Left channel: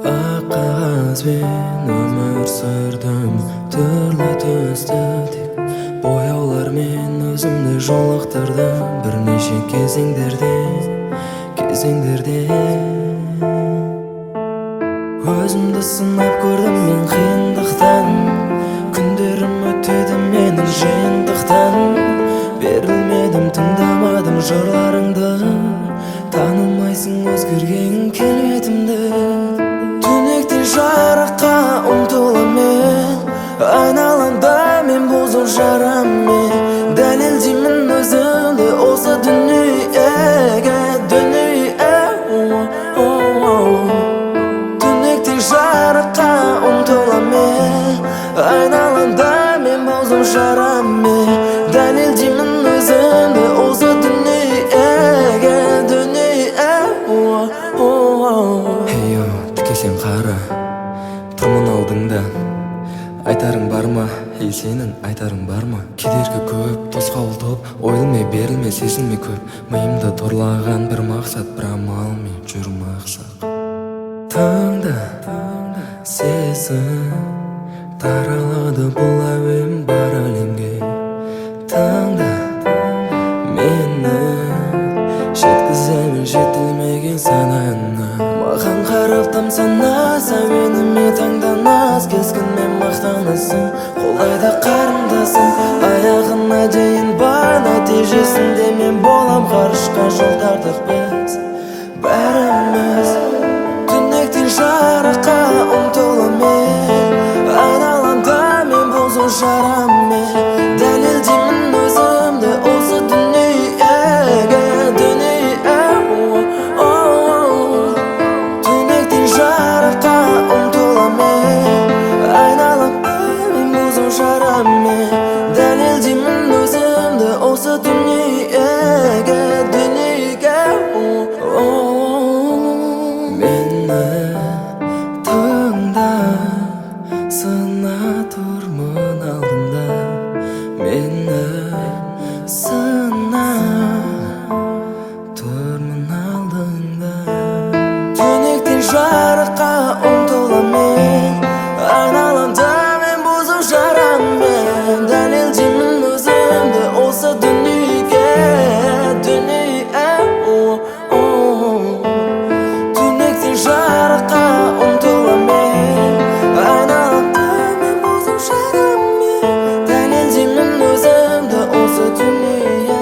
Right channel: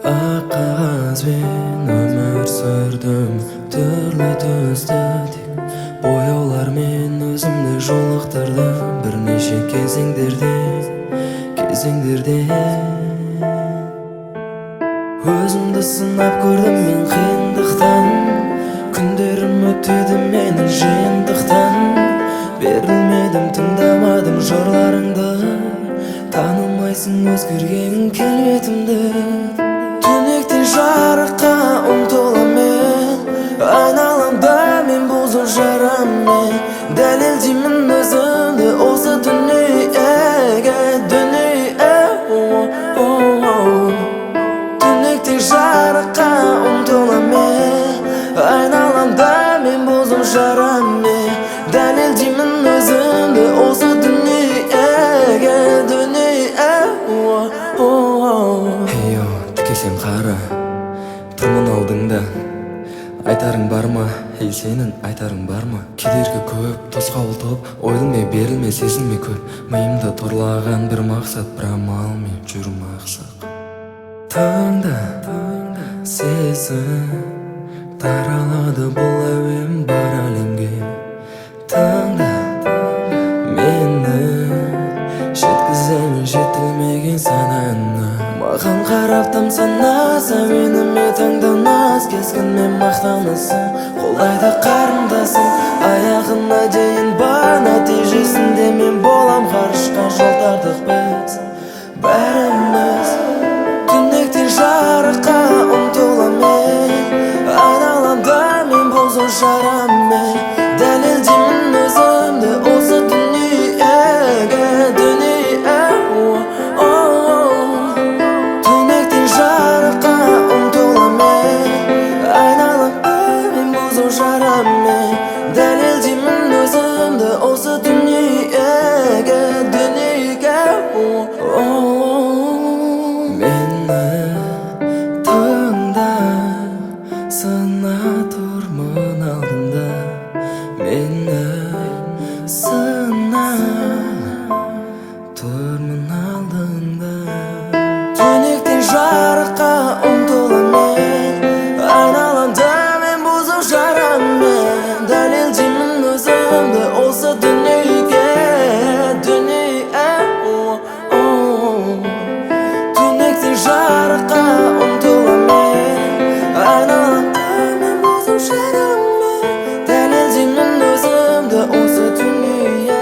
Ақ қағазбен өмір сүрдім, түрлі түсті тек бояулармен өзімді жолықтырдым бірнеше кезеңдерде өзімді сынап көрдім мен қиындықтан, күндерім өтеді менің жиынтықтан. Берілмедім, тыңдамадым жырларыңды, танымайсың өзгерген келбетімді. Түнектен жарыққа ұмтылам мен, айналамда мен бұзып жараммен. Дәлелдеймін өзімді осы дүниеге, Түнектен жарыққа ұмтылам мен, айналамда мен бұзып жараммен. Дәлелдеймін өзімді осы дүниеге, Хейо, тіке сен қара, тұрмын алдыңда. Айтарың бар ма, сенің айтарың бар ма? Кедергі көп, тосқауыл топ, ойылме, берілме, сезілме көп. Миымда торлаған бір мақсат, бір амалмен жүрім ақсақ. Тыңда, сезім таралады бұл әуен бар әлемге. Тыңда, мені жеткіземін жетілмеген сананы. Маған қарап тамсанас, әуеніме таңданас. Кескінмен мақтанасың, қолдайда қарындасым. Аяғына дейін бар, нәтижесінде мен болам. Ғарышқа жол тартық біз бәріміз. Түнектен жарыққа ұмтылам мен, айналамда мен бұзу жараммен. Дәлелдеймін өзімді осы дүниеге, Түнектен жарыққа ұмтылам мен, айналамда мен бұзу жараммен. Дәлелдеймін өзімді осы дүниеге, Мені тыңда, сына тұрмын алдыңда. Мені сына тұрмын алдыңда. Түнектен жарыққа ұмтылам мен, айналамда мен бұзып жараммен. Дәлелдеймін өзімді осы дүниеге, Түнектен жарыққа ұмтылам мен, айналамда мен бұзып жараммен. Дәлелдеймін өзімді осы дүниеге.